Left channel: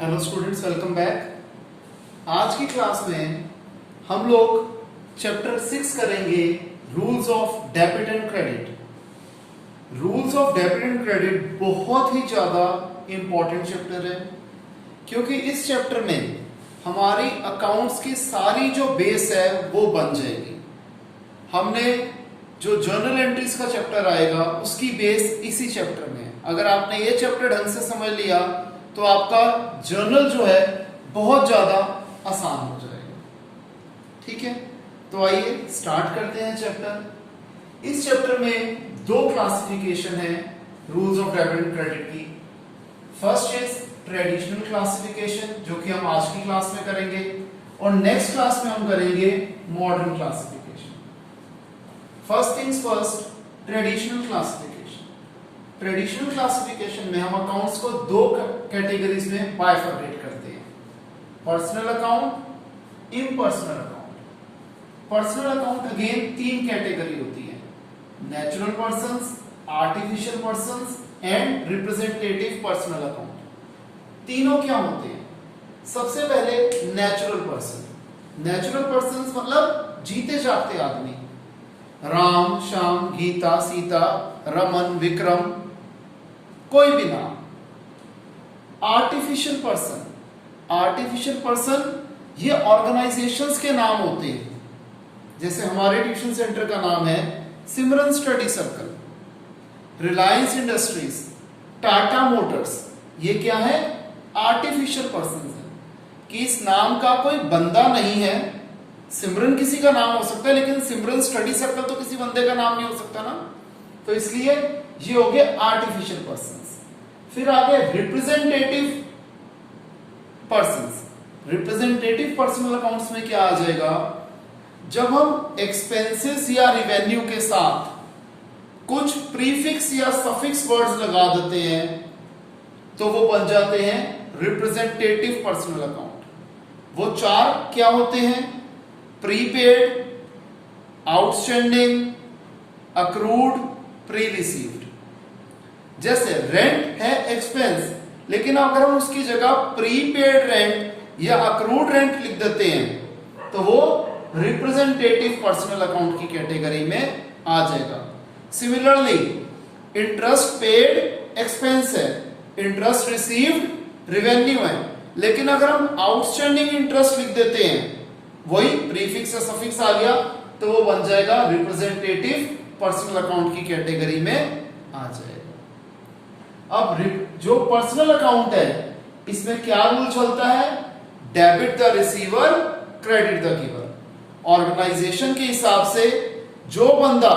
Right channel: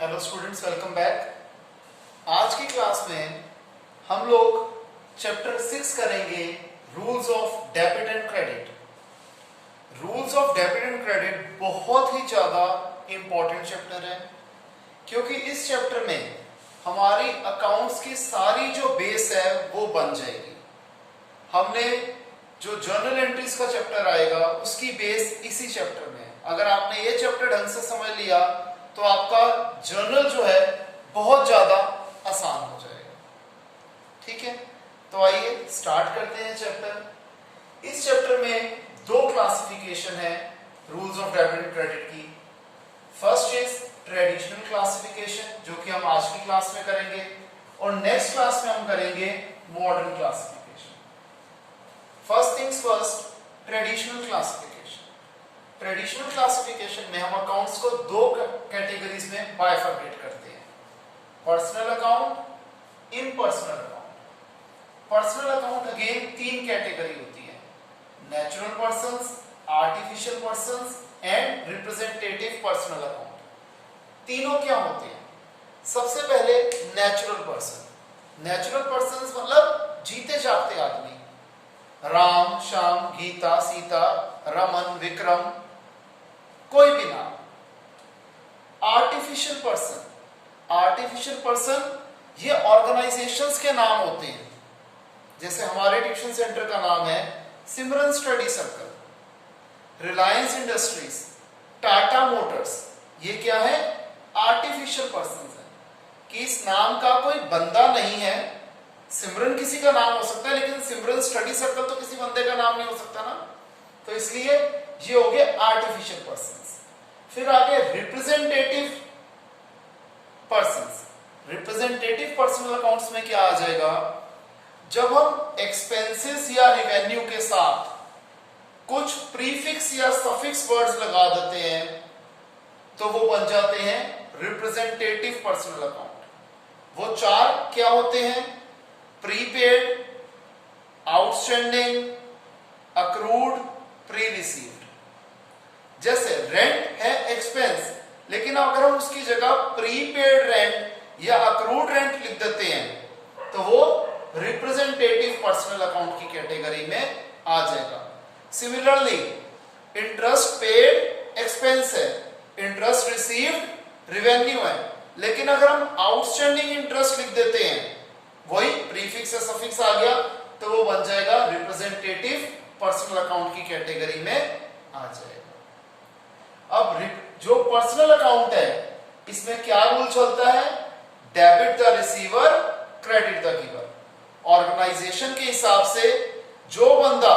Hello students, welcome back. आज की class में हम लोग चैप्टर 6 करेंगे, rules of debit and credit. Rules of debit and credit बहुत ही ज्यादा इंपॉर्टेंट चैप्टर है, क्योंकि इस चैप्टर में हमारी अकाउंट्स की सारी जो बेस है वो बन जाएगी। हमने जो जर्नल एंट्रीज का चैप्टर आएगा उसकी बेस इसी चैप्टर में है। अगर आपने ये चैप्टर ढंग से समझ लिया तो आपका जर्नल जो है बहुत ज्यादा आसान हो जाएगा। ठीक है, तो आइए स्टार्ट करते हैं चैप्टर। इस चैप्टर में दो क्लासिफिकेशन है rules of debit and credit की। फर्स्ट इज ट्रेडिशनल क्लासिफिकेशन, जो कि हम आज की क्लास में करेंगे, और नेक्स्ट क्लास में हम करेंगे modern classification. First things first, traditional classification. Traditional classification में हम अकाउंट्स को दो कैटेगरीज में बाइफरकेट करते हैं, personal account, impersonal account. Personal account again तीन कैटेगरी होती है, natural persons, artificial persons and representative personal account. तीनों क्या होते हैं? सबसे पहले नेचुरल पर्सन। नेचुरल पर्सन मतलब जीते जागते आदमी, राम, श्याम, गीता, सीता, रमन, विक्रम, कोई भी नाम। आर्टिफिशियल पर्सन, आर्टिफिशियल पर्सन ये ऑर्गेनाइजेशंस के नाम होते हैं। जैसे हमारे ट्यूशन सेंटर का नाम है Simran study circle, Reliance Industries, Tata Motors. ये क्या है? आर्टिफिशियल पर्सन है कि इस नाम का कोई बंदा नहीं है। सिमरन किसी का नाम हो सकता है, लेकिन सिमरन स्टडी सर्कल तो किसी बंदे का नाम नहीं हो सकता ना, तो इसलिए ये हो गए आर्टिफिशियल पर्संस। फिर आगे representative persons. Representative personal accounts में क्या आ जाएगा? जब हम एक्सपेंसेस या रिवेन्यू के साथ कुछ प्रीफिक्स या सफिक्स वर्ड्स लगा देते हैं तो वो बन जाते हैं रिप्रेजेंटेटिव पर्सनल अकाउंट। वो चार क्या होते हैं? Prepaid, outstanding, accrued, pre received. जैसे रेंट है एक्सपेंस, लेकिन अगर हम उसकी जगह प्रीपेड रेंट या अक्रूड रेंट लिख देते हैं तो वो रिप्रेजेंटेटिव पर्सनल अकाउंट की कैटेगरी में आ जाएगा। सिमिलरली इंटरेस्ट पेड एक्सपेंस है, इंटरेस्ट रिसीव्ड रेवेन्यू है, लेकिन अगर हम आउटस्टैंडिंग इंटरेस्ट लिख देते हैं, वही प्रीफिक्स या सफिक्स आ गया, तो वो बन जाएगा रिप्रेजेंटेटिव पर्सनल अकाउंट की कैटेगरी में आ जाएगा। अब जो पर्सनल अकाउंट है इसमें क्या रूल चलता है? Debit the receiver, credit the giver. Organization के हिसाब से जो बंदा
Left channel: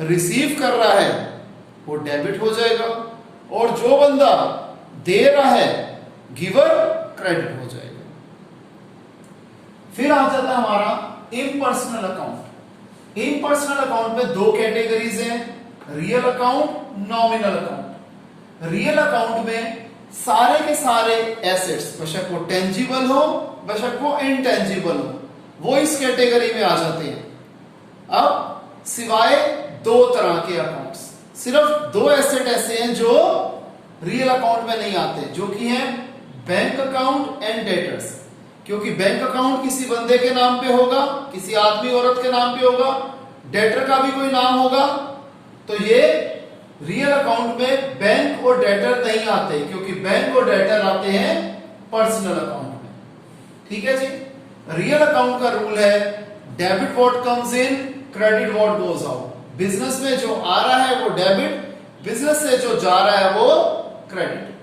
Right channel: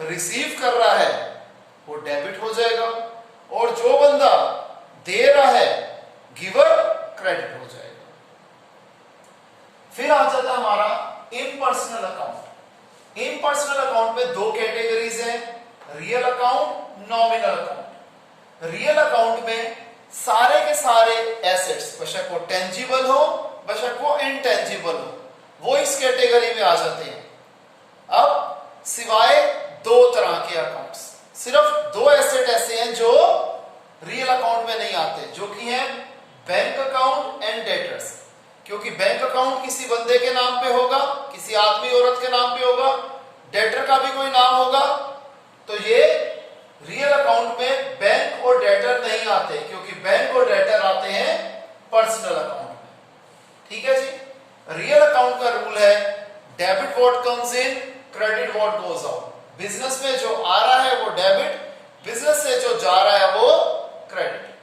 रिसीव कर रहा है वो डेबिट हो जाएगा, और जो बंदा दे रहा है गिवर, क्रेडिट हो जाएगा। फिर आ जाता है हमारा इम्पर्सनल अकाउंट। इम्पर्सनल अकाउंट में दो कैटेगरीज हैं, real account, nominal account. Real account में सारे के सारे एसेट्स, बेशक वो टेंजिबल हो बेशक वो इनटेंजिबल हो, वो इस कैटेगरी में आ जाते हैं। अब सिवाय दो तरह के अकाउंट्स, सिर्फ दो एसेट ऐसे हैं जो रियल अकाउंट में नहीं आते, जो कि हैं बैंक अकाउंट एंड डेटर्स। क्योंकि बैंक अकाउंट किसी बंदे के नाम पे होगा, किसी आदमी औरत के नाम पे होगा, डेटर का भी कोई नाम होगा, तो ये रियल अकाउंट में बैंक और डेटर नहीं आते, क्योंकि बैंक और डेटर आते हैं पर्सनल अकाउंट में। ठीक है जी। रियल अकाउंट का रूल है debit what comes in, credit what goes out. Business में जो आ रहा है वो डेबिट, बिजनेस से जो जा रहा है वो क्रेडिट।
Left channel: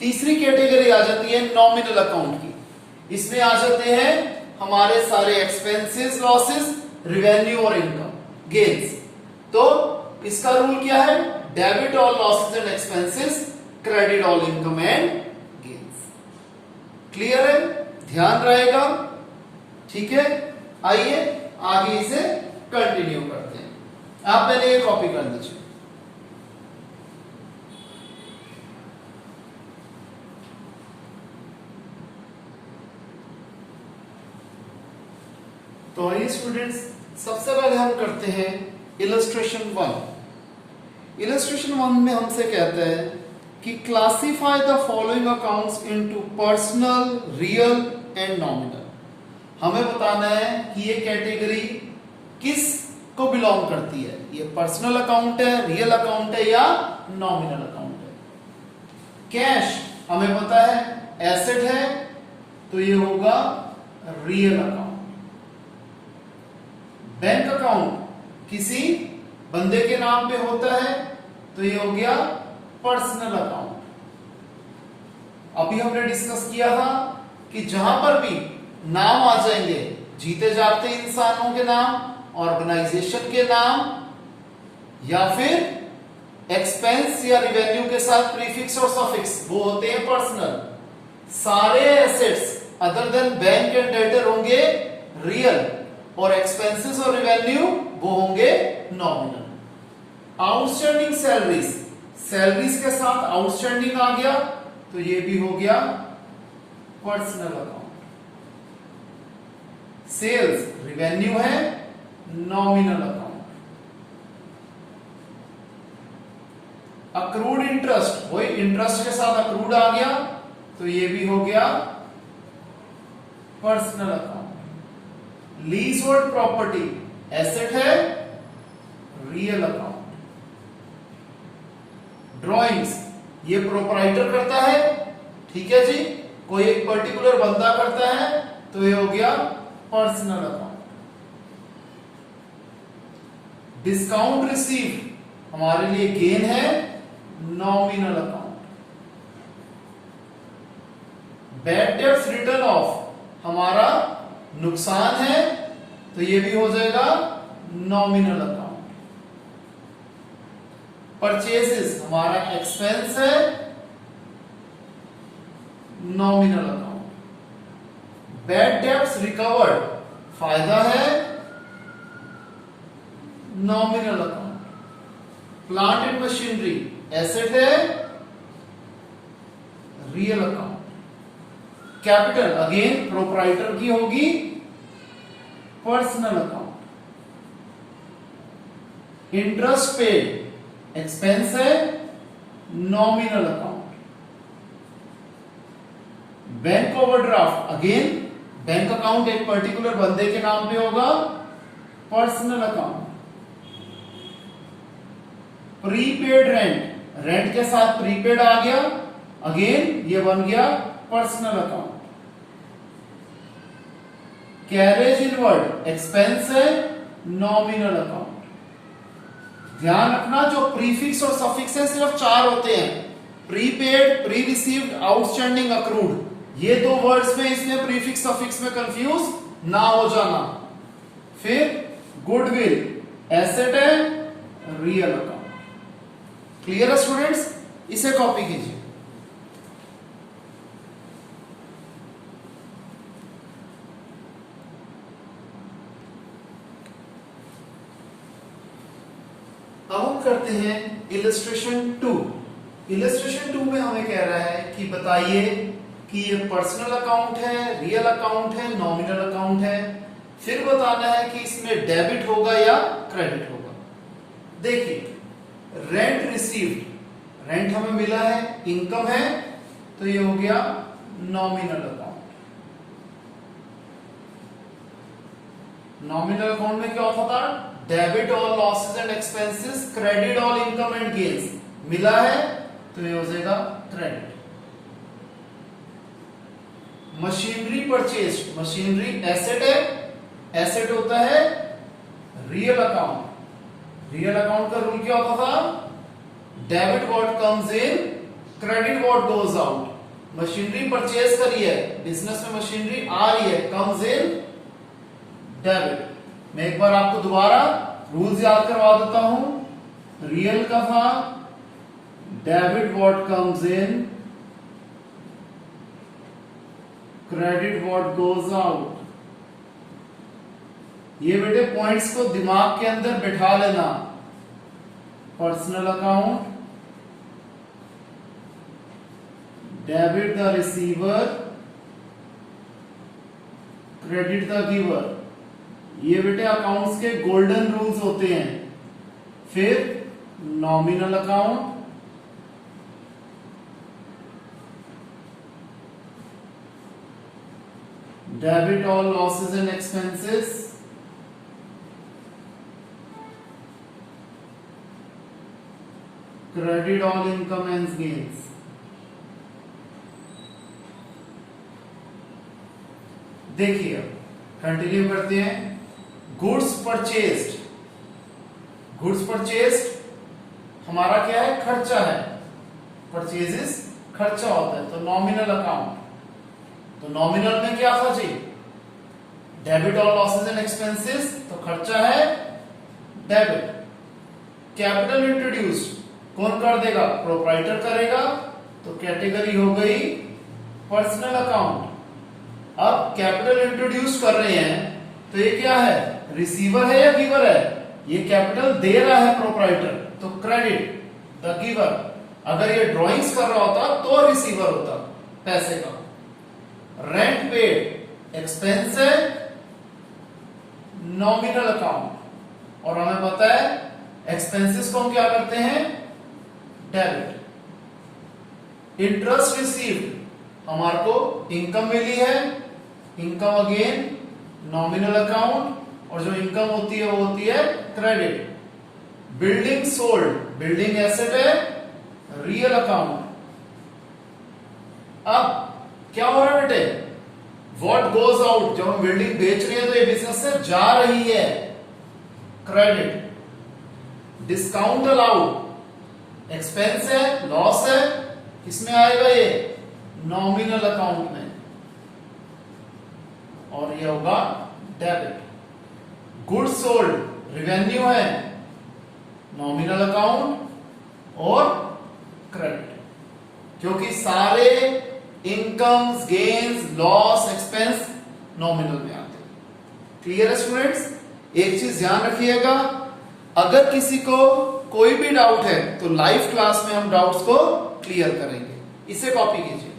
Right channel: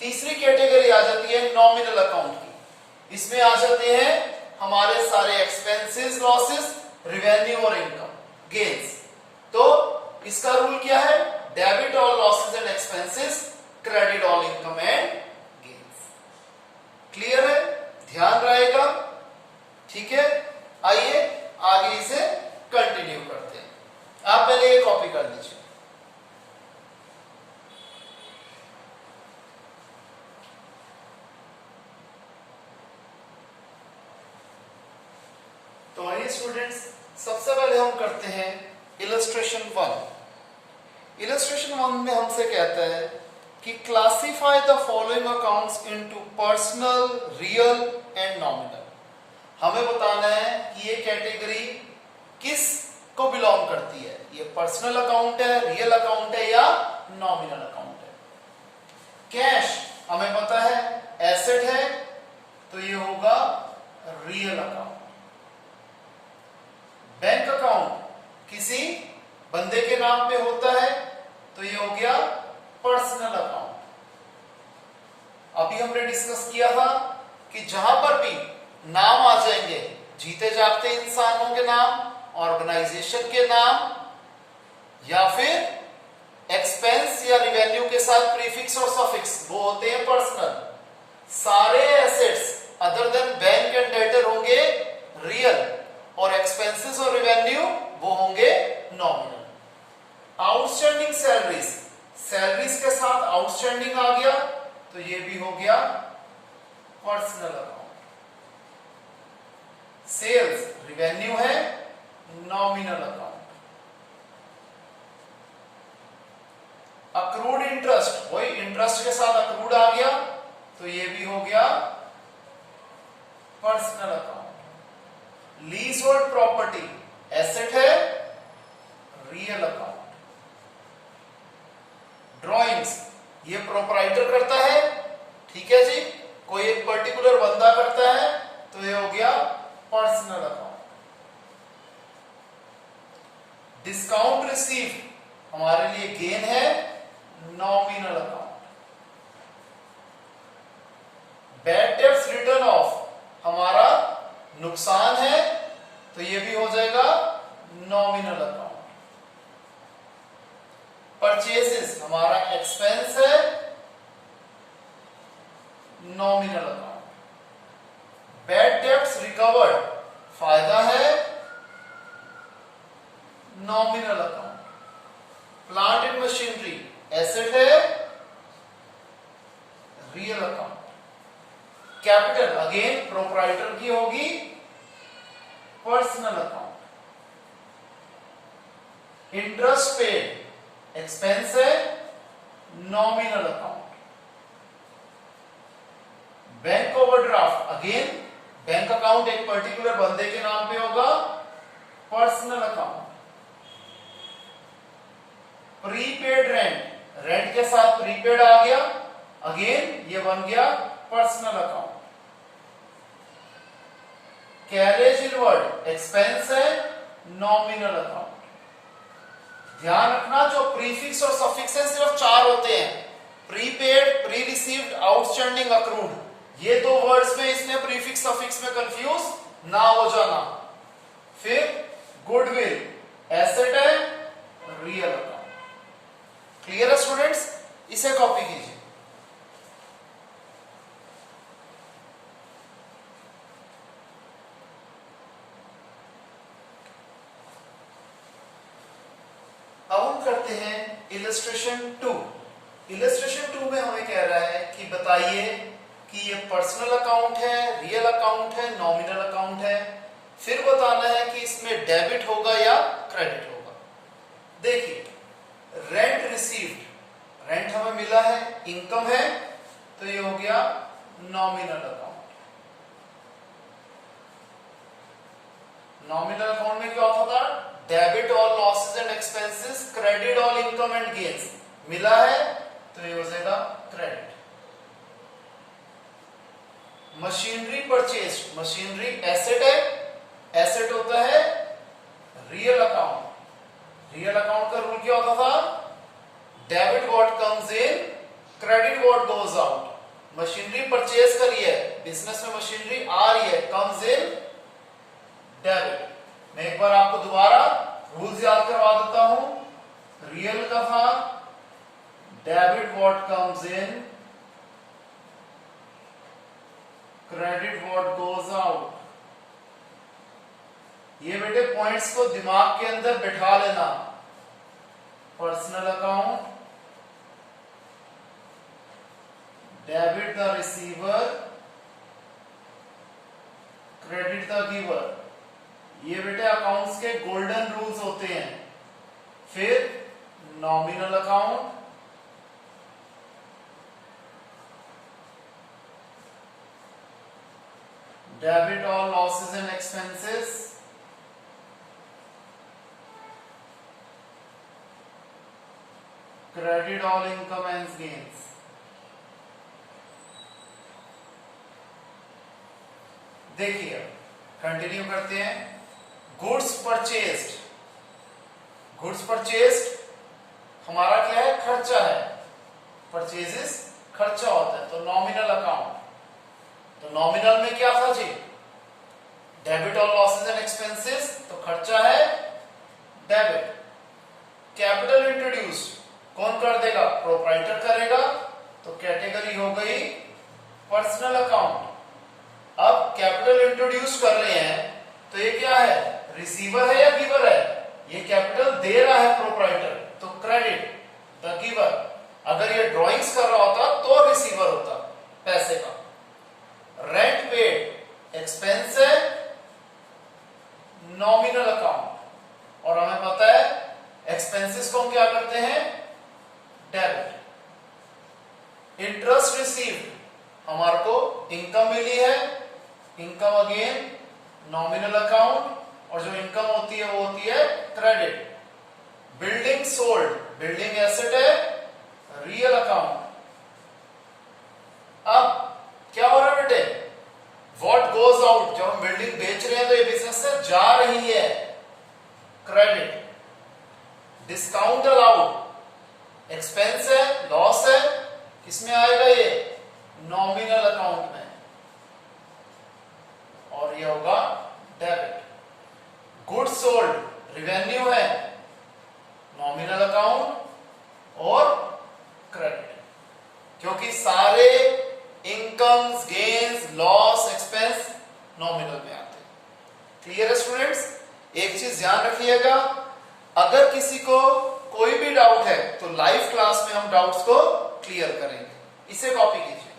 तीसरी कैटेगरी आ जाती है नॉमिनल अकाउंट की। इसमें आ जाते हैं हमारे सारे एक्सपेंसेस, लॉसेस, रिवेन्यू और इनकम, गेन्स। तो इसका रूल क्या है? Debit all losses and expenses, credit all income and gains. Clear है? ध्यान रहेगा। ठीक है, आइए आगे इसे कंटिन्यू करते हैं। आप पहले ये कॉपी कर लीजिए। तो आइए स्टूडेंट्स, सबसे पहले हम करते हैं इलस्ट्रेशन 1। इलस्ट्रेशन 1 में हमसे कहता है कि classify the following accounts into personal, real and nominal. हमें बताना है कि ये कैटेगरी किस को बिलोंग करती है, ये पर्सनल अकाउंट है, रियल अकाउंट है या नॉमिनल अकाउंट है। कैश हमें पता है एसेट है, तो ये होगा रियल अकाउंट। बैंक अकाउंट किसी बंदे के नाम पे होता है, तो ये हो गया पर्सनल अकाउंट। अभी हमने डिस्कस किया था कि जहां पर भी नाम आ जाएंगे, जीते जागते इंसानों के नाम, ऑर्गेनाइजेशन के नाम, या फिर एक्सपेंस या रिवेन्यू के साथ प्रीफिक्स और सफिक्स, वो होते हैं पर्सनल। सारे assets other than bank and debtor होंगे रियल, और एक्सपेंसेस और रिवेन्यू वो होंगे नॉमिनल। आउटस्टैंडिंग सैलरीज, सैलरीज के साथ आउटस्टैंडिंग आ गया, तो ये भी हो गया पर्सनल अकाउंट। सेल्स रिवेन्यू है, नॉमिनल अकाउंट। अक्रूड इंटरेस्ट, वही इंटरेस्ट के साथ अक्रूड आ गया, तो ये भी हो गया personal account. Lease hold property asset है, रियल अकाउंट। ड्राइंग्स ये प्रोपराइटर करता है, ठीक है जी, कोई एक पर्टिकुलर बंदा करता है, तो ये हो गया पर्सनल अकाउंट। डिस्काउंट रिसीव्ड हमारे लिए गेन है, nominal account. Bad debts return of हमारा नुकसान है, तो ये भी हो जाएगा नॉमिनल अकाउंट। परचेसेस हमारा एक्सपेंस है, nominal account. Bad debts recovered फायदा है, nominal account. Plant and machinery asset है, real account. Capital again proprietor की होगी, personal account. Interest paid expense है, nominal account. Bank overdraft again bank account एक particular बंदे के नाम पे होगा, personal account. Prepaid rent, rent के साथ प्रीपेड आ गया, अगेन ये बन गया personal account. Carriage inward expense है, नॉमिनल अकाउंट। ध्यान रखना जो प्रीफिक्स और सफिक्स है सिर्फ 4 होते हैं, prepaid, pre received, outstanding, accrued. ये 2 वर्ड्स में इसमें प्रीफिक्स सफिक्स में कंफ्यूज ना हो जाना। फिर गुडविल एसेट है, रियल अकाउंट। क्लियर है स्टूडेंट्स, इसे कॉपी कीजिए। अब हम करते हैं इलस्ट्रेशन 2। इलस्ट्रेशन 2 में हमें कह रहा है कि बताइए कि ये पर्सनल अकाउंट है, रियल अकाउंट है, नॉमिनल अकाउंट है। फिर बताना है कि इसमें डेबिट होगा या क्रेडिट होगा। देखिए रेंट रिसीव्ड, रेंट हमें मिला है, इनकम है, तो ये हो गया नॉमिनल अकाउंट। नॉमिनल अकाउंट में क्या होता था, debit all losses and expenses, credit all income and gains. मिला है तो ये हो जाएगा credit. Machinery purchase, machinery asset है, एसेट होता है रियल अकाउंट। रियल अकाउंट का रूल क्या होता था, debit what comes in, credit what goes out. Machinery purchase करी है, बिजनेस में मशीनरी आ रही है, कम्स इन डेबिट। मैं एक बार आपको दोबारा रूल्स याद करवा देता हूं। रियल का था debit what comes in, credit what goes out. ये बेटे पॉइंट्स को दिमाग के अंदर बैठा लेना। Personal account, debit the receiver, credit the giver. ये बेटे अकाउंट्स के गोल्डन रूल्स होते हैं। फिर nominal account, Debit all losses and expenses. Credit all income and gains. देखिए कंटिन्यू करते हैं. Goods purchased. गुड्स परचेस्ड हमारा क्या है? खर्चा है. परचेजेस खर्चा होता है, तो नॉमिनल अकाउंट. तो नॉमिनल में क्या था जी? डेबिट और लॉसेस एंड एक्सपेंसेस, तो खर्चा है डेबिट. कैपिटल इंट्रोड्यूस्ड कौन कर देगा? प्रोप्राइटर करेगा, तो कैटेगरी हो गई पर्सनल अकाउंट. अब कैपिटल इंट्रोड्यूस कर रहे हैं, तो ये क्या है? रिसीवर है या गिवर है? ये कैपिटल दे रहा है प्रोप्राइटर, तो क्रेडिट द गिवर. अगर ये ड्रॉइंग्स कर रहा होता तो रिसीवर होता पैसे का. रेंट पेड एक्सपेंस है, नॉमिनल अकाउंट. और हमें पता है एक्सपेंसेस को हम क्या करते हैं? डेबिट. इंटरेस्ट रिसीव्ड हमारे को इनकम मिली है, इनकम अगेन नॉमिनल अकाउंट. और जो इनकम होती है वो होती है credit. Building sold, building asset है, रियल अकाउंट. अब क्या हो रहा है बेटे? व्हाट गोज आउट, जब हम बिल्डिंग बेच रहे हैं तो ये बिजनेस से जा रही है, क्रेडिट. डिस्काउंट अलाउड एक्सपेंस है, लॉस है, किसमें आएगा? ये नॉमिनल अकाउंट में, और ये होगा डेबिट. गुड्स सोल्ड रिवेन्यू है, नॉमिनल अकाउंट और क्रेडिट. क्योंकि सारे incomes, gains, loss, expense nominal में आते हैं. क्लियर है स्टूडेंट्स? एक चीज ध्यान रखिएगा, अगर किसी को कोई भी डाउट है तो लाइव क्लास में हम डाउट्स को क्लियर करेंगे. इसे कॉपी कीजिए.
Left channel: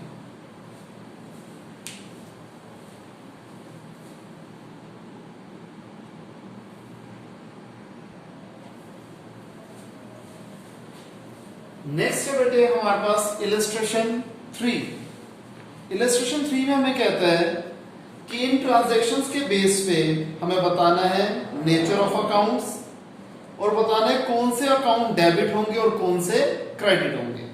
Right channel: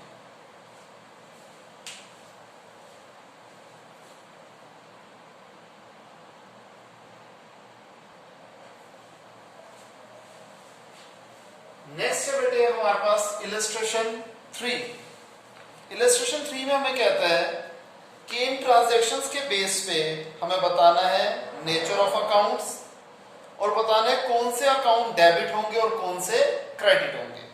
नेक्स्ट बेटे हमारे पास इलस्ट्रेशन 3. इलस्ट्रेशन 3 में हमें कहता है कि इन ट्रांजैक्शंस के बेस पे हमें बताना है नेचर ऑफ अकाउंट्स, और बताना है कौन से अकाउंट डेबिट होंगे और कौन से क्रेडिट होंगे.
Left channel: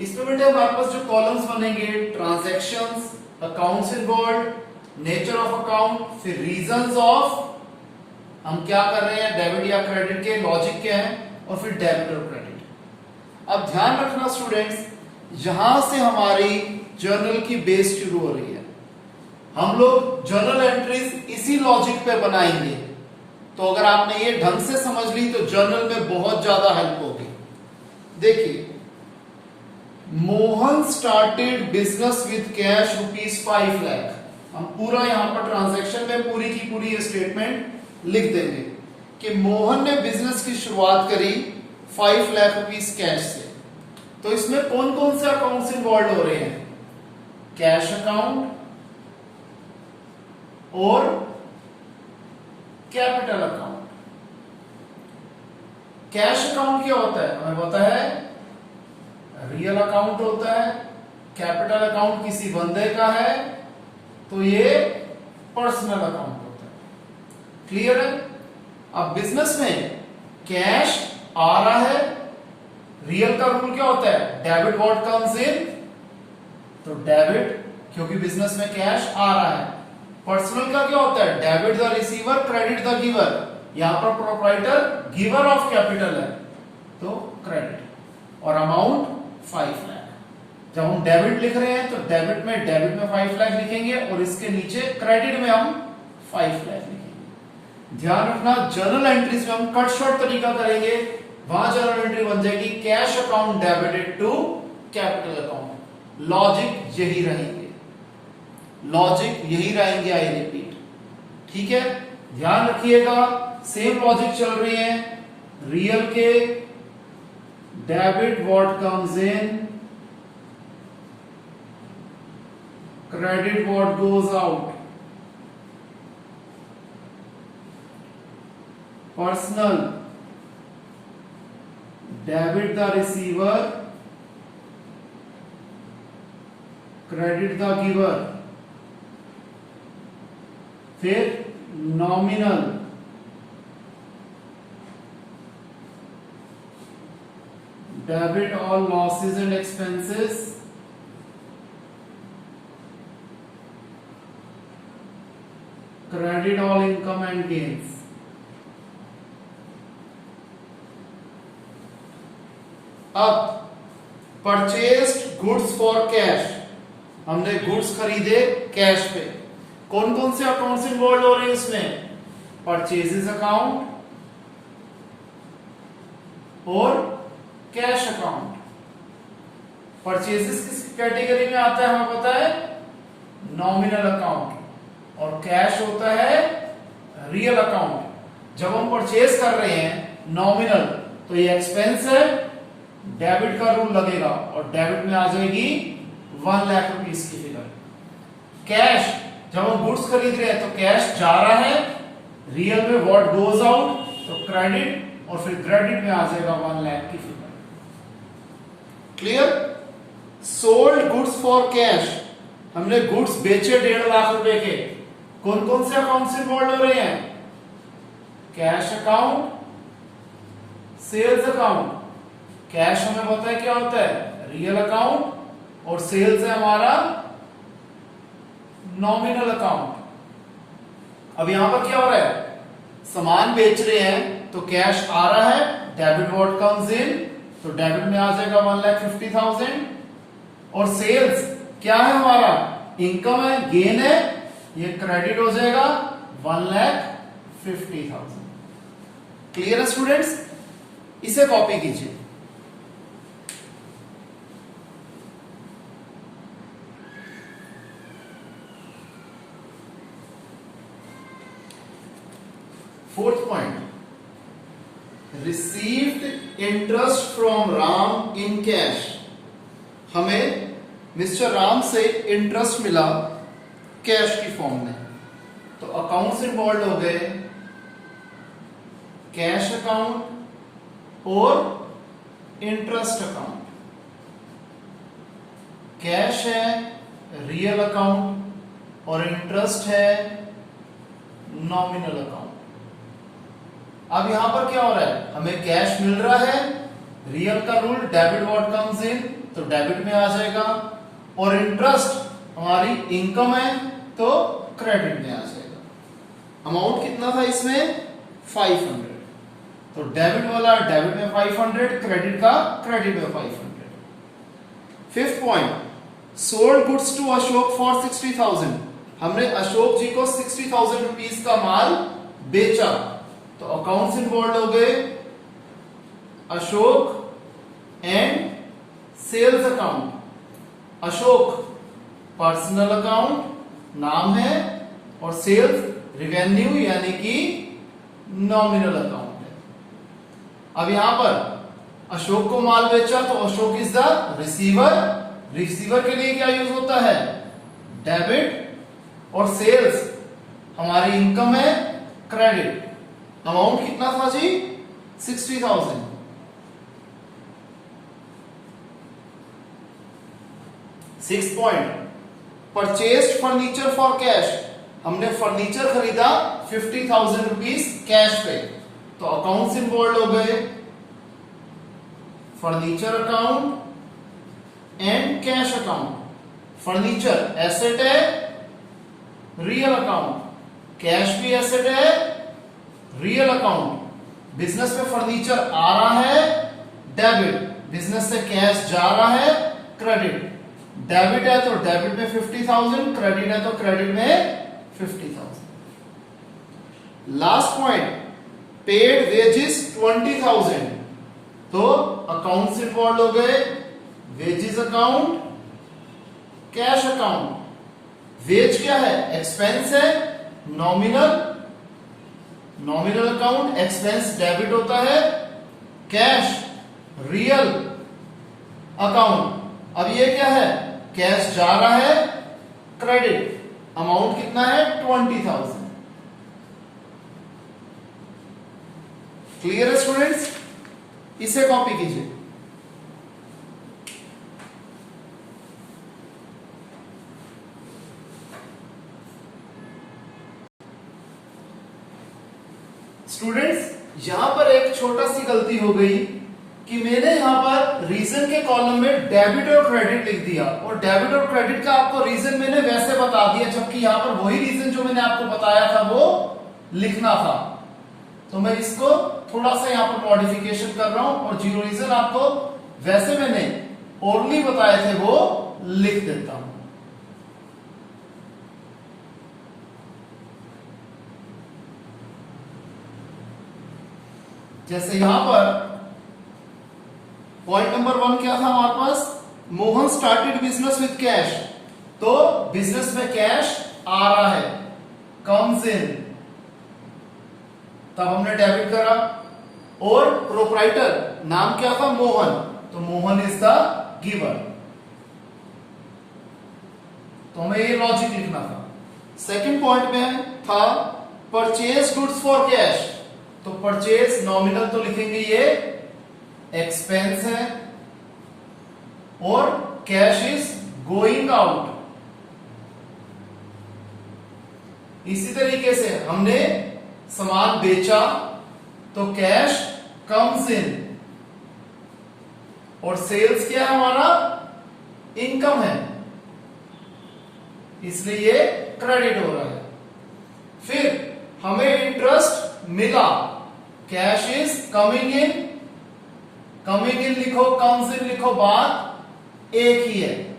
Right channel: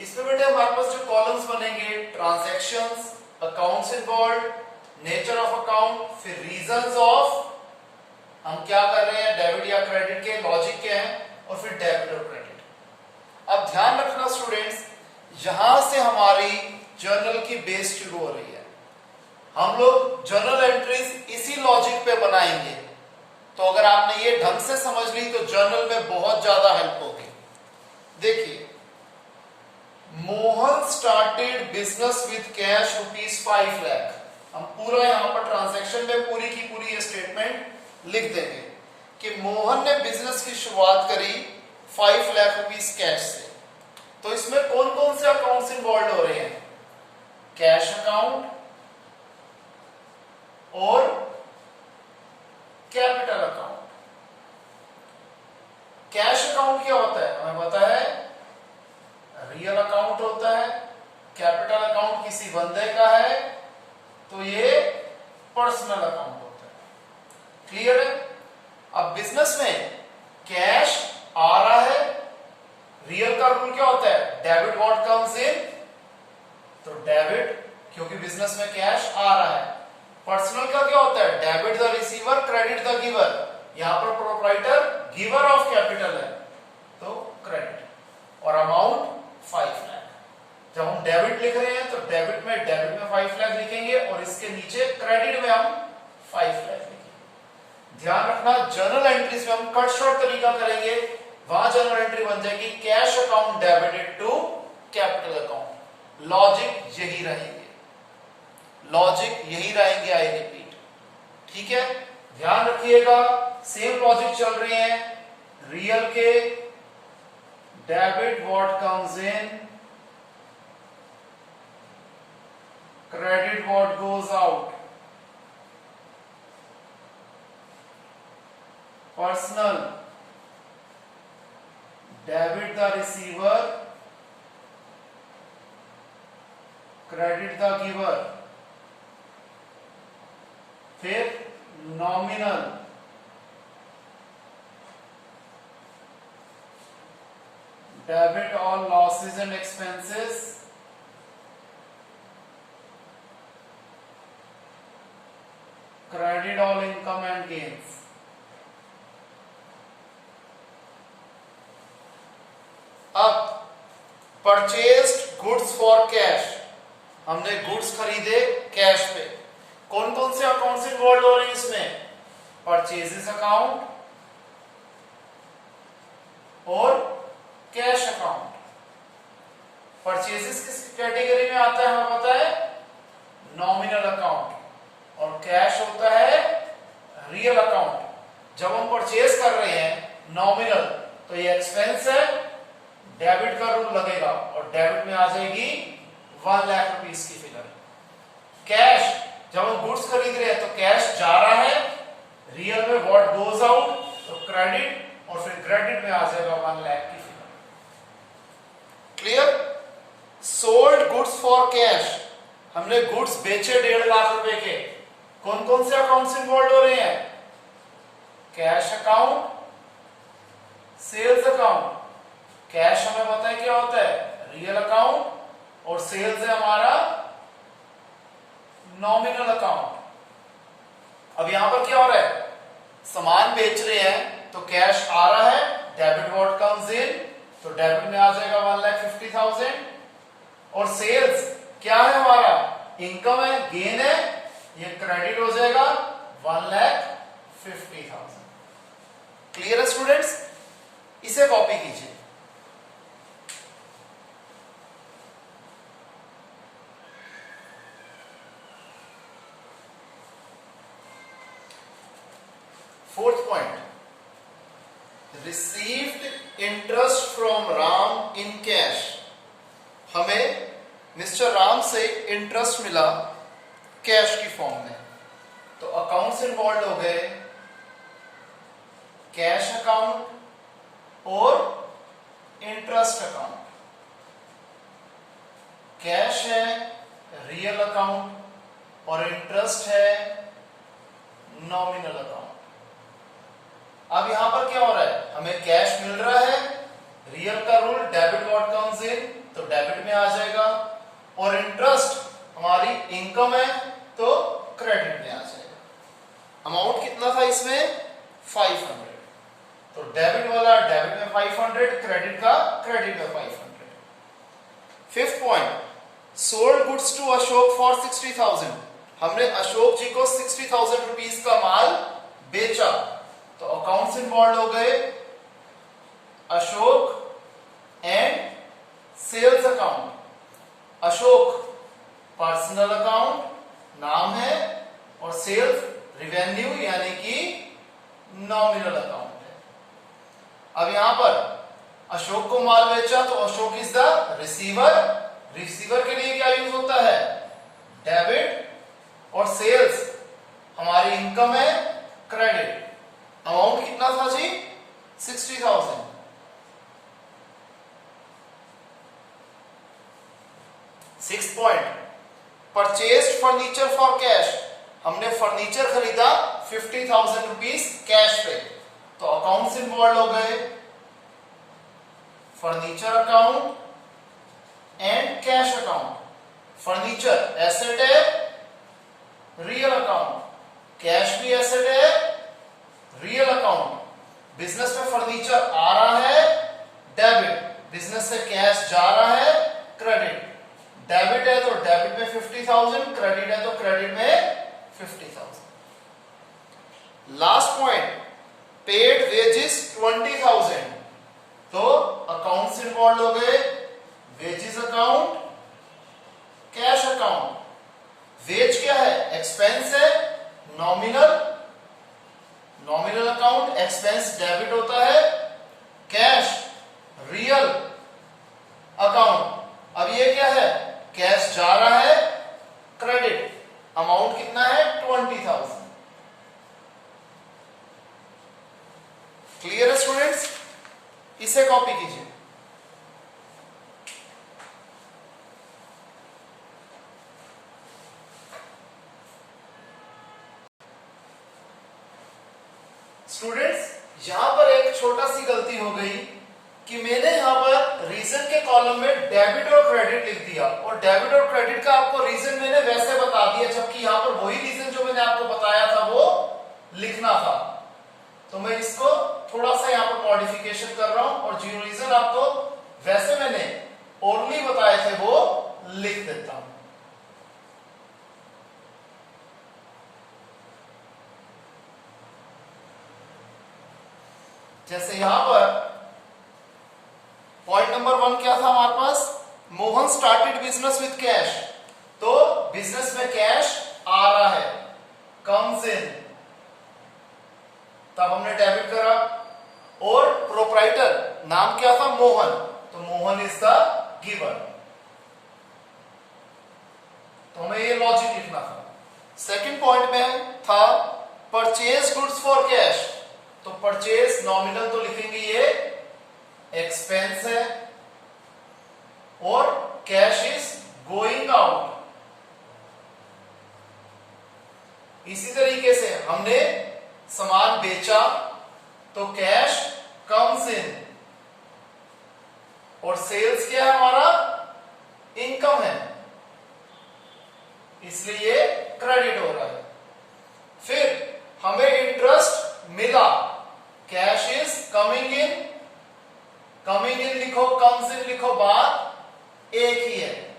इसमें बेटे हमारे पास जो कॉलम्स बनेंगे, transactions, accounts involve, nature of account, फिर रीजंस ऑफ हम क्या कर रहे हैं, डेबिट या क्रेडिट के लॉजिक क्या है, और फिर डेबिट और क्रेडिट. अब ध्यान रखना स्टूडेंट्स, यहां से हमारी जर्नल की बेस शुरू हो रही है. हम लोग जर्नल एंट्रीज इसी लॉजिक पे बनाएंगे. तो अगर आपने ये ढंग से समझ ली तो जर्नल में बहुत ज्यादा हेल्प होगी. देखिए, Mohan started business with cash ₹5 lakh. हम पूरा यहां पर ट्रांजैक्शन में पूरी की पूरी स्टेटमेंट लिख देंगे कि मोहन ने बिजनेस की शुरुआत करी ₹5 लाख कैश से. तो इसमें कौन कौन से अकाउंट्स इन्वॉल्व हो रहे हैं? कैश अकाउंट और कैपिटल अकाउंट. कैश अकाउंट क्या होता है? हमें पता है रियल अकाउंट होता है. कैपिटल अकाउंट किसी बंदे का है, तो ये पर्सनल अकाउंट होता है. क्लियर है? अब बिजनेस में कैश आ रहा है, रियल का रूल क्या होता है? डेबिट व्हाट कम्स इन, तो डेबिट, क्योंकि बिजनेस में कैश आ रहा है. पर्सनल का क्या होता है? Debit the receiver, credit the giver. यहां पर प्रोप्राइटर गिवर ऑफ कैपिटल है, तो क्रेडिट. और अमाउंट 5 लाख. जब हम डेबिट लिख रहे हैं तो डेबिट में 5 लाख लिखेंगे, और इसके नीचे क्रेडिट में हम 5 लाख लिखेंगे. ध्यान रखना, जर्नल एंट्रीज में हम कट शॉर्ट तरीका करेंगे. वहां जर्नल एंट्री बन जाएगी cash account debited to capital account. Logic यही रहेंगे, लॉजिक यही रहेंगे. I repeat. ठीक है, ध्यान रखिएगा, सेम लॉजिक चल रही है. रियल के debit what comes in, credit what goes out. Personal debit the receiver, credit the giver. फिर nominal, debit all losses and expenses, credit all income and gains. अब परचेस्ड गुड्स फॉर कैश, हमने goods खरीदे cash पे। कौन कौन से accounts involve हो रहे हैं इसमें? परचेजेस अकाउंट और कैश अकाउंट। परचेजेस किस कैटेगरी में आता है हमें पता है? Nominal account. और कैश होता है रियल अकाउंट। जब हम परचेज कर रहे हैं नॉमिनल तो ये एक्सपेंस है, डेबिट का रूल लगेगा और डेबिट में आ जाएगी 1 लाख रुपीस की फिगर। कैश, जब हम गुड्स खरीद रहे हैं तो कैश जा रहा है, रियल में व्हाट गोज आउट तो क्रेडिट, और फिर क्रेडिट में आ जाएगा 1 लाख की figure. Clear? Sold goods for cash, हमने गुड्स बेचे 1.5 लाख रुपए के। कौन कौन से अकाउंट इन्वॉल्व हो रहे हैं? Cash account, sales account. Cash हमें पता है क्या होता है? रियल अकाउंट, और सेल्स है हमारा नॉमिनल अकाउंट। अब यहां पर क्या हो रहा है? सामान बेच रहे हैं तो कैश आ रहा है, डेबिट व्हाट कम्स इन, तो डेबिट में आ जाएगा 1,50,000। और सेल्स क्या है हमारा? इनकम है, गेन है, ये क्रेडिट हो जाएगा 1,50,000। क्लियर है स्टूडेंट्स? इसे कॉपी कीजिए। Fourth point, received interest from Ram in cash. हमें मिस्टर राम से इंटरेस्ट मिला कैश की फॉर्म में, तो अकाउंट्स इन्वॉल्व हो गए, कैश अकाउंट और इंटरेस्ट अकाउंट। कैश है रियल अकाउंट और इंटरेस्ट है नॉमिनल अकाउंट। अब यहां पर क्या हो रहा है? हमें कैश मिल रहा है, रियल का रूल डेबिट व्हाट कम्स इन, तो डेबिट में आ जाएगा, और इंटरेस्ट हमारी इनकम है तो क्रेडिट में आ जाएगा। अमाउंट कितना था इसमें? 500। तो डेबिट वाला डेबिट में 500, क्रेडिट का क्रेडिट में 500। Fifth point, sold goods to Ashok for 60,000। हमने अशोक जी को 60,000 रुपीस का माल बेचा, तो अकाउंट्स इन्वॉल्व हो गए, Ashok and sales account. Ashok personal account नाम है, और सेल्स रिवेन्यू यानी कि नॉमिनल अकाउंट है। अब यहां पर अशोक को माल बेचा तो Ashok is the receiver. Receiver के लिए क्या यूज होता है? डेबिट, और सेल्स हमारी इनकम है, क्रेडिट। अमाउंट कितना था जी? 60,000। Sixth point, purchased furniture for cash. हमने फर्नीचर खरीदा 50,000 रुपीस कैश पे, तो अकाउंट्स इन्वॉल्व हो गए, furniture account and cash account. Furniture asset है, रियल अकाउंट, कैश भी एसेट है, रियल अकाउंट। बिजनेस में फर्नीचर आ रहा है, डेबिट, बिजनेस से कैश जा रहा है, क्रेडिट। डेबिट है तो डेबिट में 50,000, क्रेडिट है तो क्रेडिट में 50,000। Last point, paid wages 20,000। तो अकाउंट्स इन्वॉल्व हो गए, wages account, cash account. Wage क्या है? एक्सपेंस है, nominal, nominal account, expense debit होता है, कैश रियल अकाउंट। अब ये क्या है? कैश जा रहा है, क्रेडिट। अमाउंट कितना है? 20,000। क्लियर है स्टूडेंट्स? इसे कॉपी कीजिए। स्टूडेंट्स यहां पर एक छोटा सी गलती हो गई कि मैंने यहां पर रीजन के कॉलम में डेबिट और क्रेडिट लिख दिया, और डेबिट और क्रेडिट का आपको रीजन मैंने वैसे बता दिया, जबकि यहां पर वही रीजन जो मैंने आपको बताया था वो लिखना था। तो मैं इसको थोड़ा सा यहां पर मॉडिफिकेशन कर रहा हूं, और जो रीजन आपको वैसे मैंने ओरली बताए थे वो लिख देता हूं। जैसे यहां पर पॉइंट नंबर 1 क्या था हमारे पास, Mohan started business with cash. तो बिजनेस में कैश आ रहा है, कम्स इन, तब हमने डेबिट करा। और प्रोप्राइटर नाम क्या था, मोहन, तो मोहन इज द गिवर। तो हमें ये लॉजिक लिखना था। सेकंड पॉइंट में था परचेज गुड्स फॉर कैश। तो परचेज नॉमिनल तो लिखेंगे, ये एक्सपेंस है, और कैश इज गोइंग आउट। इसी तरीके से हमने सामान बेचा तो कैश कम्स इन, और सेल्स क्या है हमारा, इनकम है, इसलिए ये क्रेडिट हो रहा है। फिर हमें इंटरेस्ट मिला, cash is coming in, coming in लिखो, कम्स इन लिखो, बात एक ही है,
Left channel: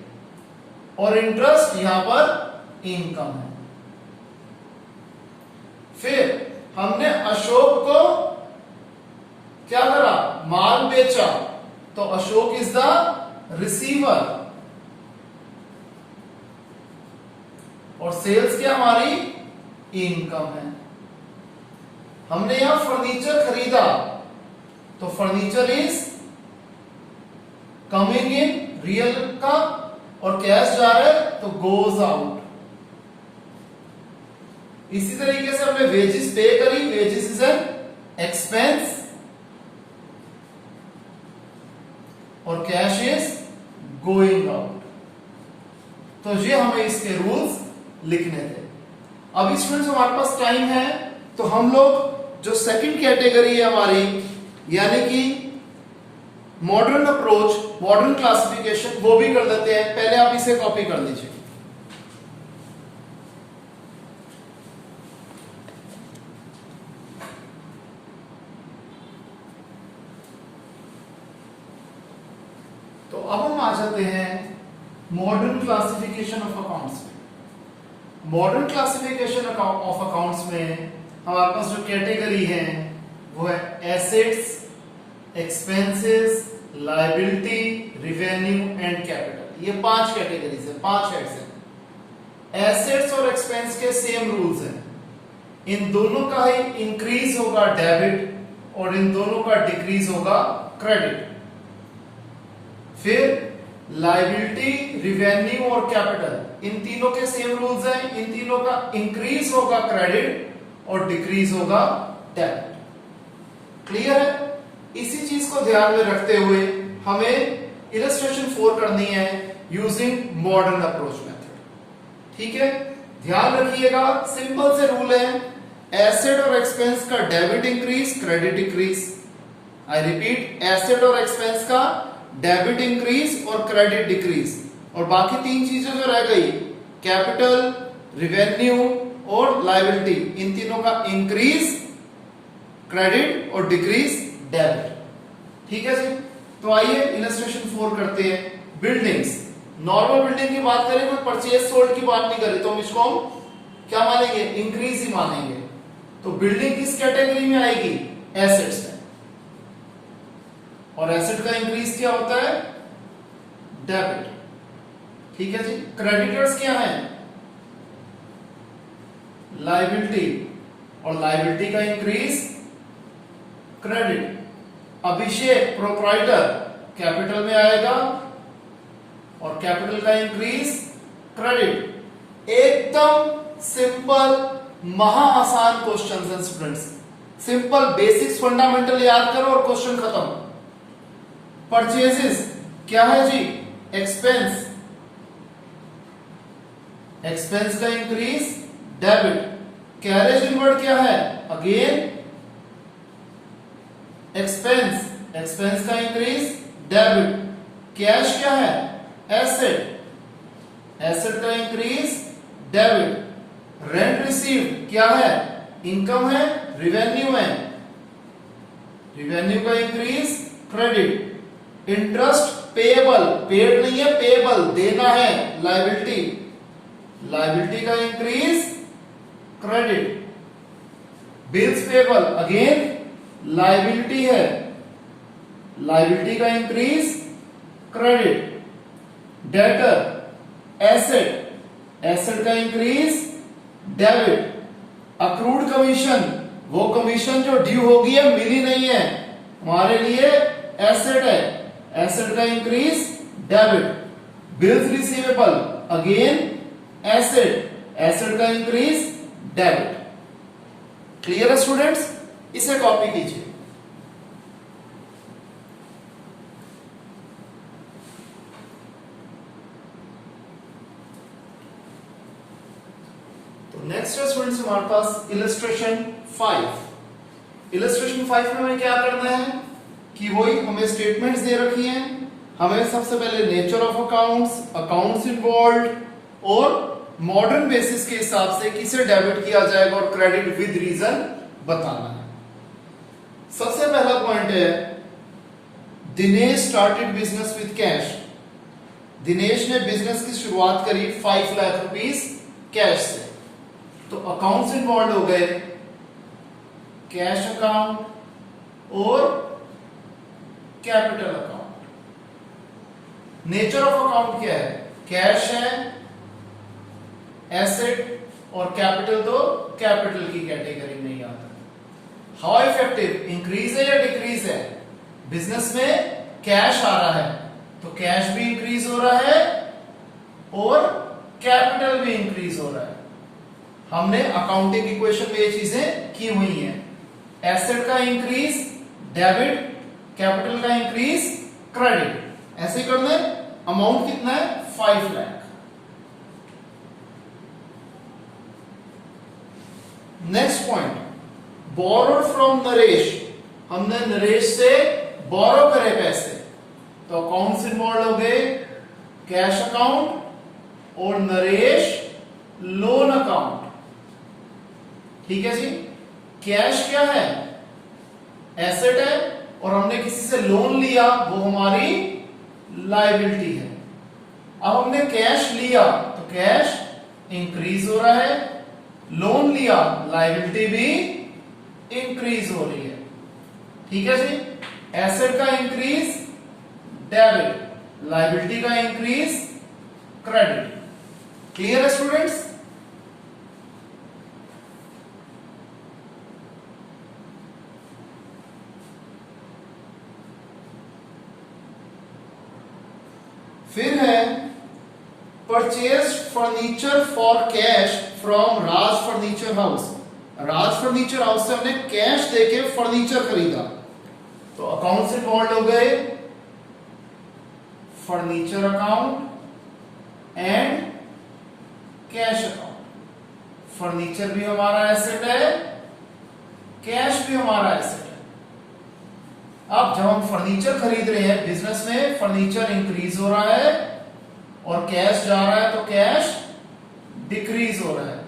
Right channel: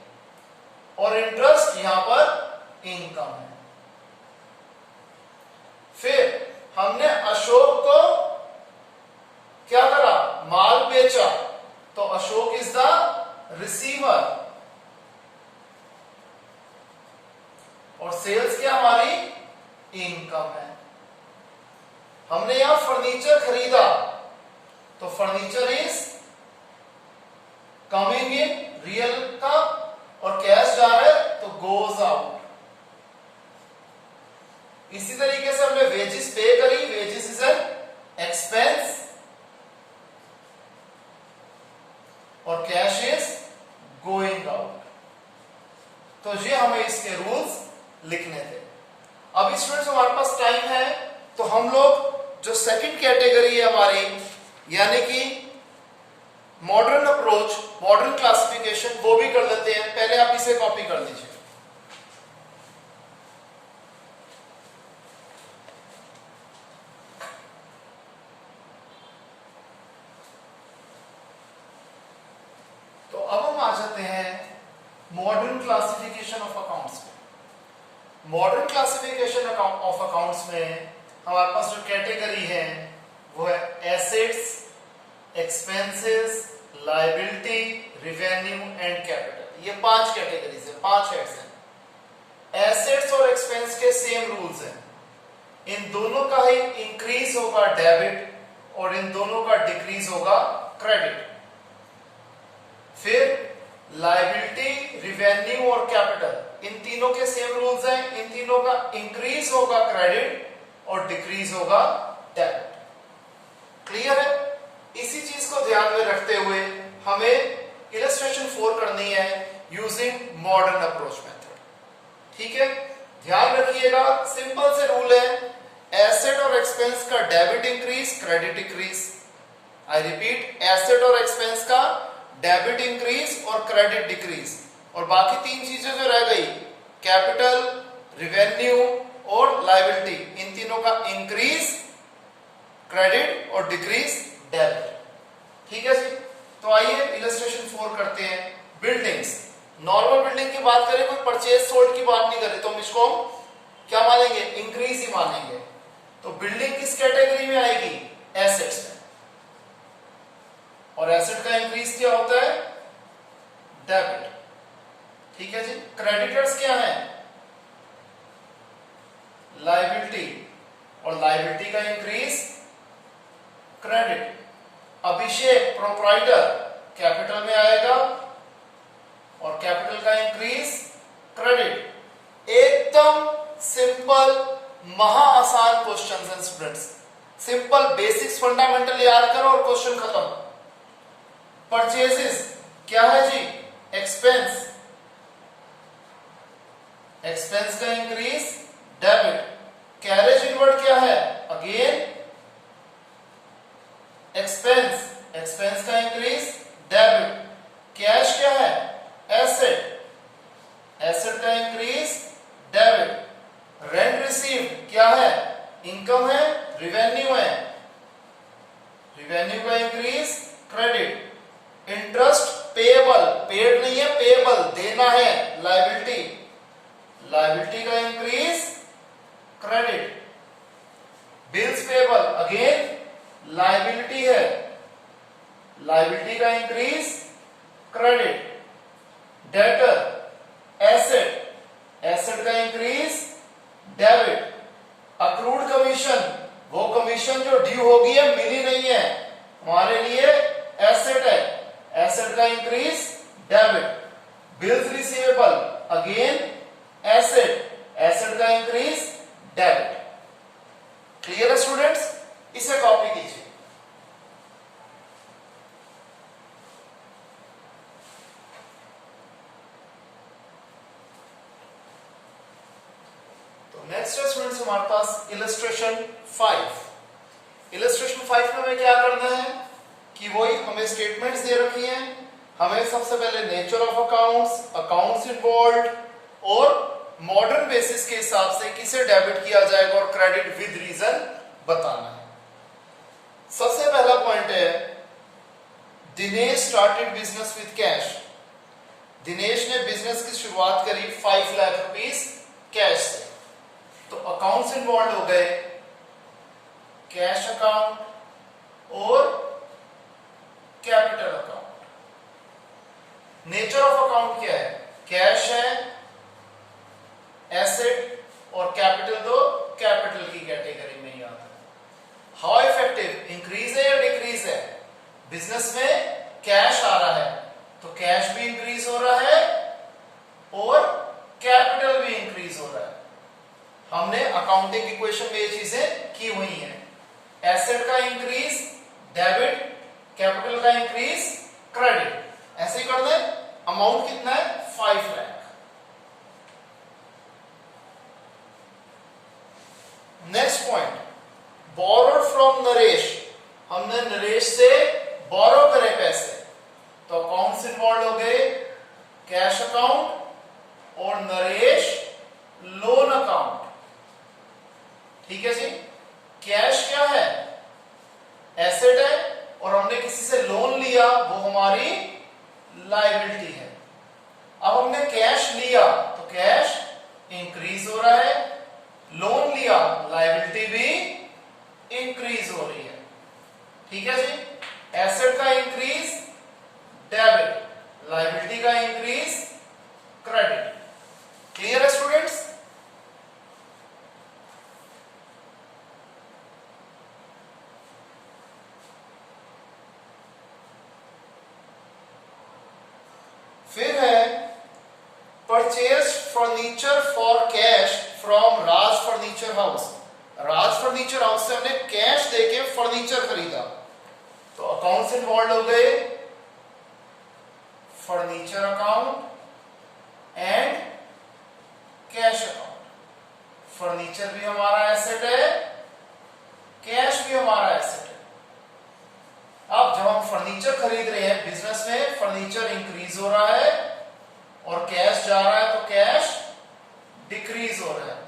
और इंटरेस्ट यहां पर इनकम है। फिर हमने अशोक को क्या करा, माल बेचा, तो अशोक इज द रिसीवर, और सेल्स क्या हमारी, इनकम है। हमने यहां फर्नीचर खरीदा, तो furniture is coming in, real का, और कैश जा रहा है तो गोज आउट। इसी तरीके से हमने वेजेस पे करी, वेजेस इज एन एक्सपेंस, और कैश इज गोइंग आउट। तो ये हमें इसके रूल्स लिखने थे। अभी स्टूडेंट्स हमारे पास टाइम है, तो हम लोग जो सेकंड कैटेगरी है हमारी, यानी कि मॉडर्न अप्रोच, मॉडर्न क्लासिफिकेशन, वो भी कर लेते हैं। पहले आप इसे कॉपी कर लीजिए। तो अब हम आ जाते हैं मॉडर्न क्लासिफिकेशन ऑफ अकाउंट्स में। मॉडर्न क्लासिफिकेशन ऑफ अकाउंट्स में हमारे पास जो कैटेगरी है वो है assets, expenses, liability, revenue and capital. ये 5 कैटेगरीज है, 5 हेड्स हैं। एसेट्स और एक्सपेंस के सेम रूल्स हैं। इन दोनों का ही इंक्रीज होगा डेबिट, और इन दोनों का डिक्रीज होगा क्रेडिट। फिर लायबिलिटी, रिवेन्यू और कैपिटल, इन तीनों के सेम रूल्स हैं। इन तीनों का इंक्रीज होगा क्रेडिट और डिक्रीज होगा डेबिट। क्लियर है? इसी चीज को ध्यान में रखते हुए हमें इलस्ट्रेशन 4 करनी है यूजिंग मॉडर्न अप्रोच मेथड। ठीक है, ध्यान रखिएगा, सिंपल से रूल है, एसेट और एक्सपेंस का debit increase, credit decrease. I repeat, asset और एक्सपेंस का डेबिट इंक्रीज और क्रेडिट डिक्रीज, और बाकी 3 चीजें जो रह गई, कैपिटल, रिवेन्यू और लायबिलिटी, इन तीनों का इंक्रीज क्रेडिट और डिक्रीज डेबिट। ठीक है जी, तो आइए इलस्ट्रेशन 4 करते हैं। बिल्डिंग्स, नॉर्मल बिल्डिंग की बात करें तो परचेज सोल्ड की बात नहीं करें, तो हम इसको क्या मानेंगे, इंक्रीज ही मानेंगे। तो बिल्डिंग किस कैटेगरी में आएगी, एसेट्स में, और एसेट का इंक्रीज क्या होता है, डेबिट। ठीक है जी, क्रेडिटर्स क्या है, लायबिलिटी, और लायबिलिटी का इंक्रीज क्रेडिट। अभिषेक प्रोप्राइटर कैपिटल में आएगा, और कैपिटल का इंक्रीज क्रेडिट। एकदम सिंपल, महा आसान क्वेश्चन है स्टूडेंट्स। सिंपल बेसिक्स फंडामेंटल याद करो और क्वेश्चन खत्म। परचेजेस क्या है जी, एक्सपेंस, एक्सपेंस का इंक्रीज डेबिट। कैरेज इनवर्ड क्या है, अगेन एक्सपेंस, एक्सपेंस का इंक्रीज डेबिट। कैश क्या है? एसेट, एसेट का इंक्रीज डेबिट। रेंट रिसीव्ड क्या है? इनकम है, रिवेन्यू है, रिवेन्यू का increase credit. Interest payable, paid नहीं है, पेएबल देना है, लायबिलिटी, लायबिलिटी का increase credit. Bills payable again liability है, लायबिलिटी का increase credit. Debtor asset, asset का इंक्रीज डेबिट। अक्रूड कमीशन, वो कमीशन जो ड्यू होगी है, मिली नहीं है, हमारे लिए एसेट है, एसेट का increase debit. Bills receivable again asset, asset का इंक्रीज डेबिट। क्लियर है स्टूडेंट्स? इसे कॉपी कीजिए। तो नेक्स्ट है स्टूडेंट्स हमारे पास इलस्ट्रेशन 5। इलस्ट्रेशन 5 में हमें क्या करना है कि वही हमें स्टेटमेंट्स दे रखी हैं। हमें सबसे पहले nature of accounts, accounts involve और मॉडर्न बेसिस के हिसाब से किसे डेबिट किया जाएगा और क्रेडिट विद रीजन बताना है। सबसे पहला पॉइंट है Dinesh started business with cash. Dinesh ने बिजनेस की शुरुआत करी 5 लाख रुपीस कैश से। तो अकाउंट्स इन्वॉल्व हो गए, कैश अकाउंट और capital account. Nature of account क्या है? कैश है, एसेट और कैपिटल तो कैपिटल की कैटेगरी में ही आता है। हाउ इफेक्टिव, इंक्रीज है या डिक्रीज है? बिजनेस में कैश आ रहा है तो कैश भी इंक्रीज हो रहा है और कैपिटल भी इंक्रीज हो रहा है। हमने अकाउंटिंग इक्वेशन में ये चीजें की हुई हैं। एसेट का इंक्रीज डेबिट, कैपिटल का इंक्रीज क्रेडिट, ऐसे ही करना है। अमाउंट कितना है? 5 lakh. Next point, borrowed from Naresh. हमने नरेश से बोरो करे पैसे, तो अकाउंट्स इन्वॉल्व हो गए, कैश अकाउंट और नरेश लोन अकाउंट। ठीक है जी। कैश क्या है? एसेट है और हमने किसी से लोन लिया, वो हमारी लायबिलिटी है। अब हमने कैश लिया तो कैश इंक्रीज हो रहा है, लोन लिया लायबिलिटी भी इंक्रीज हो रही है। ठीक है जी। एसेट का इंक्रीज डेबिट, लायबिलिटी का इंक्रीज क्रेडिट। क्लियर है स्टूडेंट्स? फिर है purchase furniture for cash from Raj furniture house. Raj furniture house से हमने कैश देके फर्नीचर खरीदा, तो अकाउंट से इन्वॉल्व हो गए, furniture account and cash account. Furniture भी हमारा एसेट है, कैश भी हमारा एसेट है। अब जब हम फर्नीचर खरीद रहे हैं बिजनेस में, फर्नीचर इंक्रीज हो रहा है और कैश जा रहा है तो कैश डिक्रीज हो रहा है।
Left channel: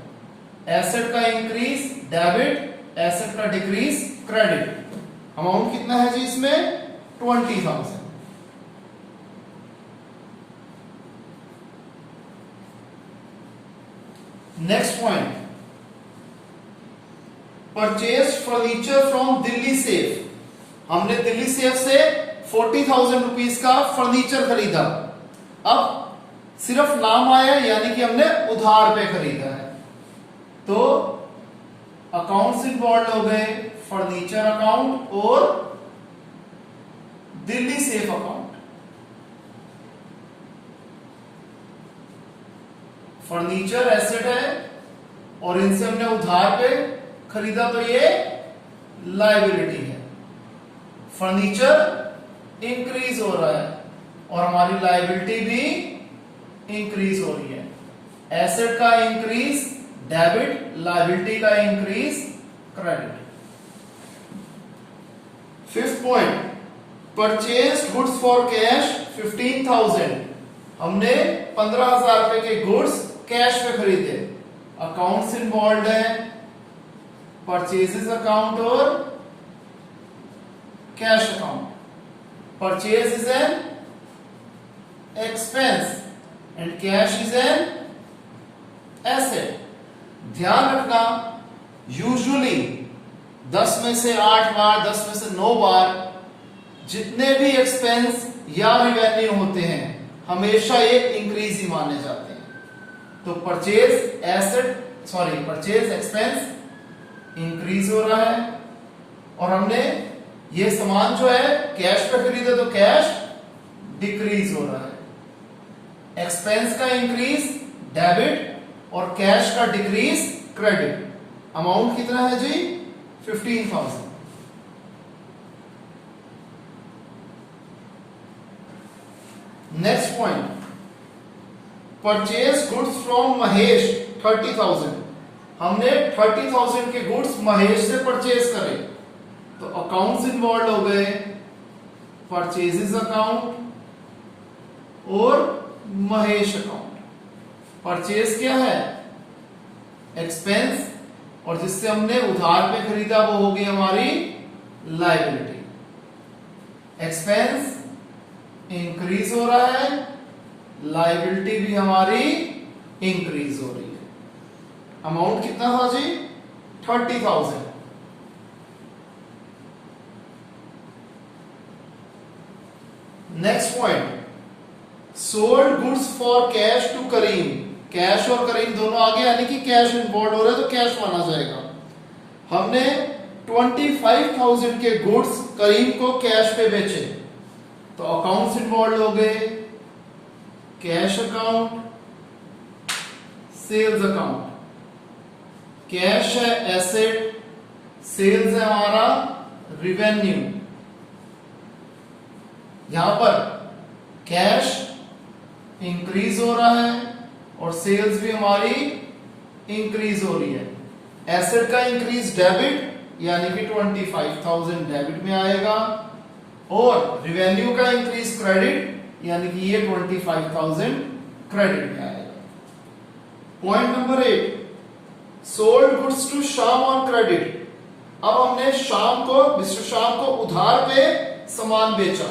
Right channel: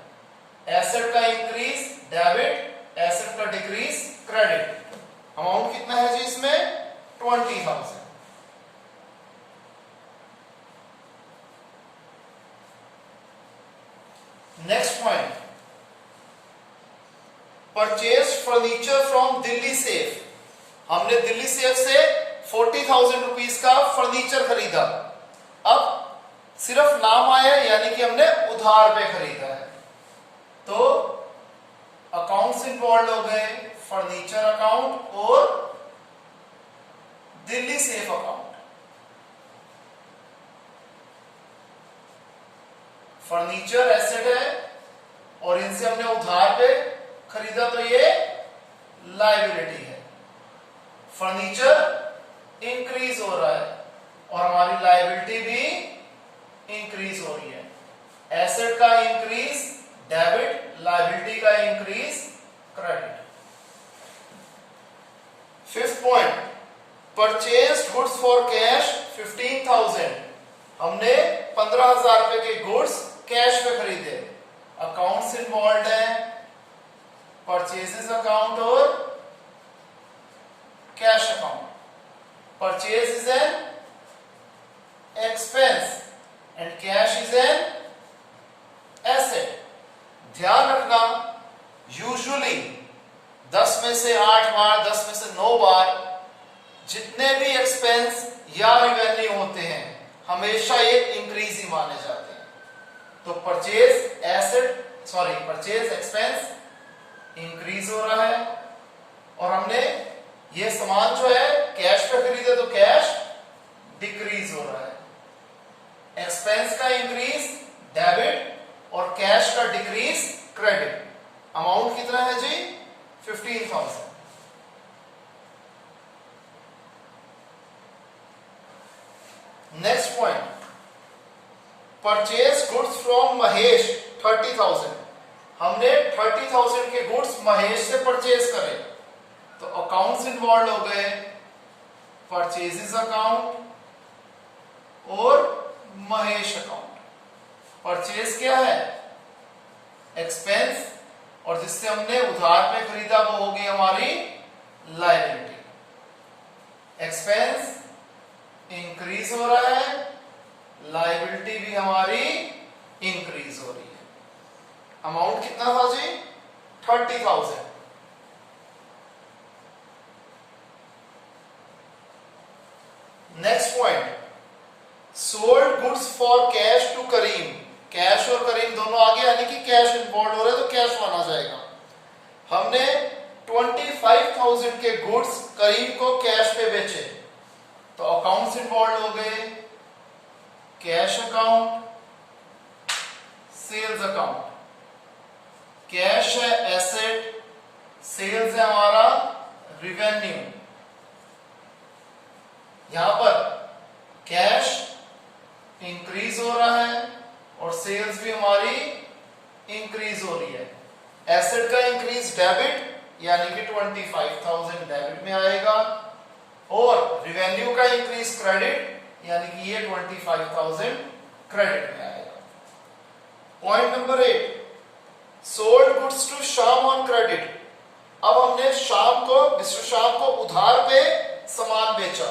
एसेट का इंक्रीज डेबिट, एसेट का डिक्रीज क्रेडिट। अमाउंट कितना है जी इसमें? 20,000। Next point, purchase furniture from Delhi safe. हमने दिल्ली सेफ से 40,000 रुपीज का फर्नीचर खरीदा। अब सिर्फ नाम आया, यानी कि हमने उधार पे खरीदा है, तो अकाउंट्स इन्वॉल्व हो गए, फर्नीचर अकाउंट और Delhi safe account. Furniture asset है और इनसे हमने उधार पे खरीदा, तो ये लायबिलिटी है। फर्नीचर इंक्रीज हो रहा है और हमारी लायबिलिटी भी इंक्रीज हो रही है। एसेट का इंक्रीज डेबिट, लायबिलिटी का increase credit. Fifth point, purchase goods for cash 15,000, हमने 15,000 रुपए के गुड्स कैश में खरीदे। अकाउंट्स इन्वॉल्व है, परचेजेस अकाउंट और cash account. Purchase is an expense and cash is an asset. ध्यान रखना, यूजुअली 10 में से 8 बार, 10 में से 9 बार जितने भी एक्सपेंस या रिवेन्यू होते हैं हमेशा ये इंक्रीज ही माने जाते हैं। तो परचेज एक्सपेंस इंक्रीज हो रहा है, और हमने ये सामान जो है कैश पे खरीदे तो कैश डिक्रीज हो रहा है। एक्सपेंस का इंक्रीज डेबिट और कैश का डिक्रीज क्रेडिट। अमाउंट कितना है जी? 15,000। Next point, purchase goods from Mahesh 30,000, हमने 30,000 के गुड्स महेश से परचेज करे, तो अकाउंट्स इन्वॉल्व हो गए, परचेजेस अकाउंट और महेश अकाउंट। परचेज क्या है? एक्सपेंस, और जिससे हमने उधार पे खरीदा वो होगी हमारी लायबिलिटी। एक्सपेंस इंक्रीज हो रहा है, लायबिलिटी भी हमारी इंक्रीज हो रही है। अमाउंट कितना था ji? 30,000। Next point, sold goods for cash to Karim. Cash और करीम दोनों आगे, यानी कि कैश इन्वॉल्व हो रहे तो कैश माना जाएगा। हमने 25,000 के गुड्स करीम को कैश पे बेचे, तो अकाउंट्स इन्वॉल्व हो गए, cash account, sales account. Cash है एसेट, सेल्स है हमारा रिवेन्यू। यहां पर कैश इंक्रीज हो रहा है और सेल्स भी हमारी इंक्रीज हो रही है। एसेट का इंक्रीज डेबिट, यानी कि 25,000 डेबिट में आएगा, और रिवेन्यू का इंक्रीज क्रेडिट, यानी कि ये 25,000 क्रेडिट में आएगा। Point number 8, sold goods to Shyam on credit. अब हमने मिस्टर श्याम को उधार पे सामान बेचा,